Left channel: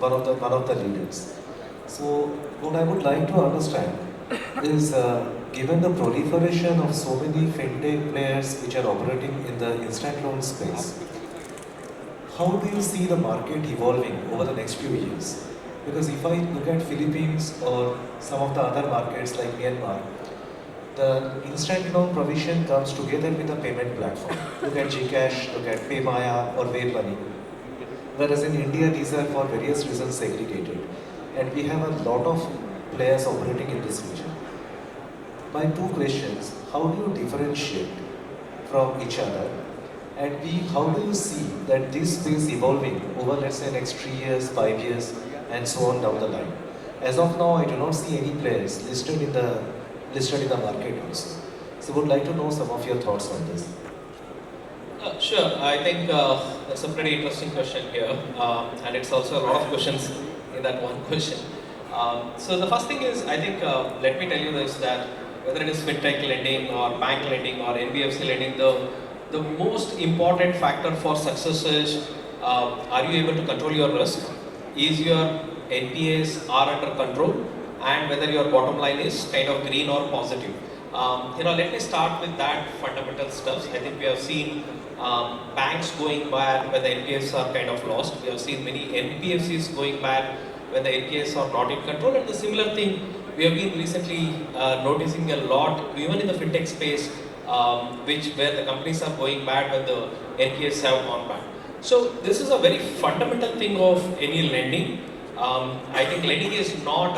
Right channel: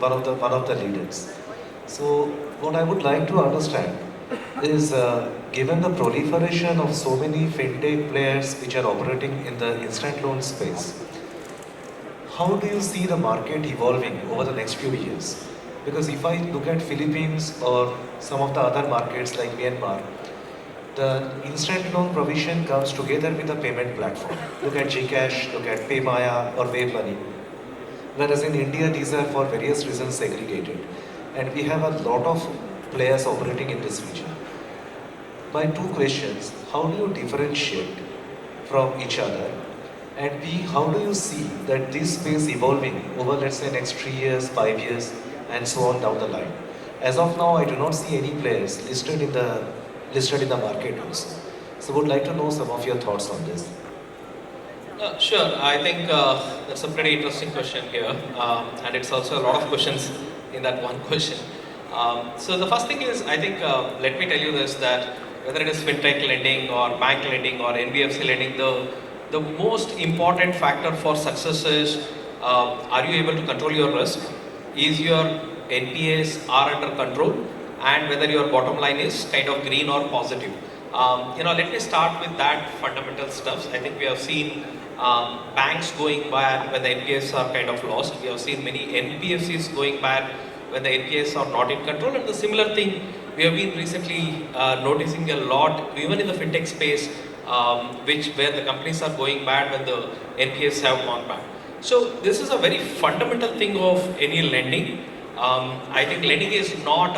one of the leaders. So what I would like to understand is, given the proliferation of so many fintech players which are operating in the instant loan space, how do you see the market evolving over the next few years? Because if I look at Philippines or some of the other markets like Myanmar, the instant loan provision comes together with a payment platform. Look at Gcash, look at PayMaya or WaveMoney. Whereas in India, these are for various reasons segregated. And we have a lot of players operating in this region. My two questions: how do you differentiate from each other? And B, how do you see that this space evolving over, let's say, next 3 years, 5 years, and so on down the line? As of now, I do not see any players listed in the market also. So would like to know some of your thoughts on this. Sure. I think that's a pretty interesting question here, and it's also a lot of questions in that one question. So the first thing is, I think, let me tell you this, that whether it is fintech lending or bank lending or NBFC lending, the most important factor for success is, are you able to control your risk? Is your NPAs are under control? And whether your bottom line is kind of green or positive. Let me start with that fundamental stuff. I think we have seen banks going bad when the NPAs are kind of lost. We have seen many NBFCs going bad when the NPAs are not in control. And the similar thing we have been recently noticing a lot, even in the fintech space, where the companies are going bad when the NPAs have gone bad. So this is a very fundamental thing of any lending. I think lending is not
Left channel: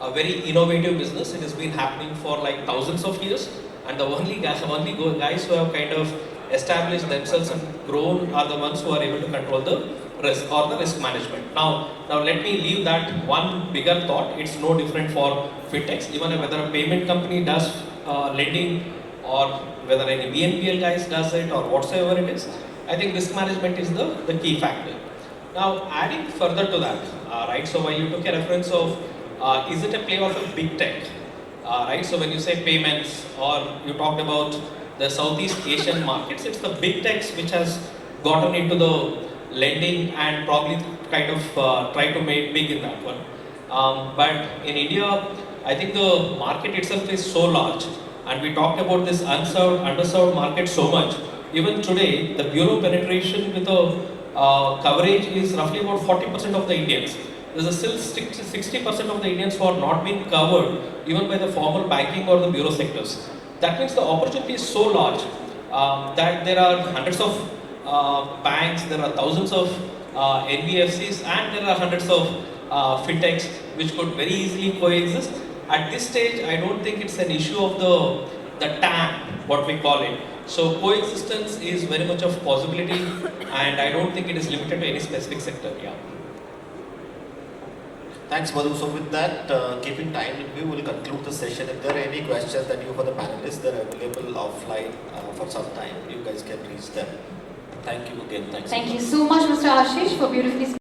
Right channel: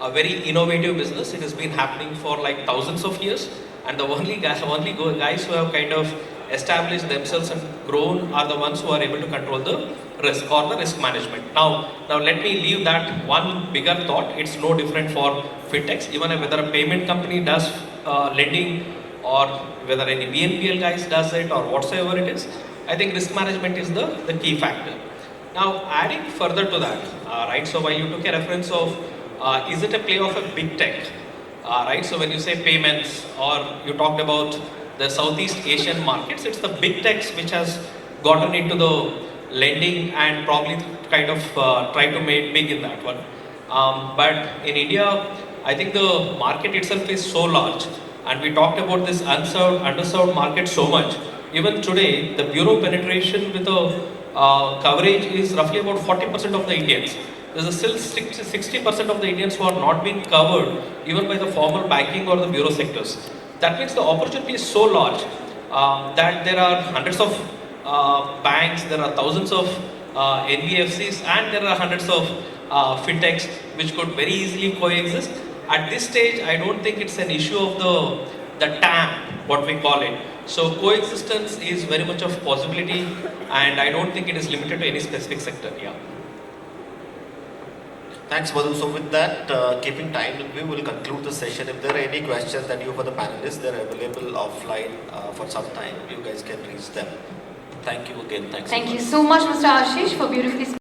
a very innovative business. It has been happening for like thousands of years, and the only guys who have kind of established themselves and grown are the ones who are able to control the risk or the risk management. Now let me leave that one bigger thought. It's no different for fintechs. Even whether a payment company does lending or whether any BNPL guys does it or whatsoever it is, I think risk management is the key factor. Now, adding further to that, right, so while you took a reference of, is it a play of a big tech, right, so when you say payments or you talked about the Southeast Asian markets, it's the big techs which has gotten into the lending and probably kind of try to make big in that one. But in India, I think the market itself is so large, and we talked about this underserved market so much. Even today, the bureau penetration with the coverage is roughly about 40% of the Indians. There's still 60% of the Indians who are not being covered even by the formal banking or the bureau sectors. That means the opportunity is so large that there are hundreds of banks, there are thousands of NBFCs, and there are hundreds of fintechs which could very easily coexist. At this stage, I don't think it's an issue of the TAM, what we call it. So coexistence is very much of possibility, and I don't think it is limited to any specific sector. Yeah. Thanks, Madhu. So with that, keeping time, we will conclude the session. If there are any questions that you for the panelists, they're available offline for some time. You guys can reach them. Thank you again. Thanks. Thank you so much, Mr. Ashish, for beautifully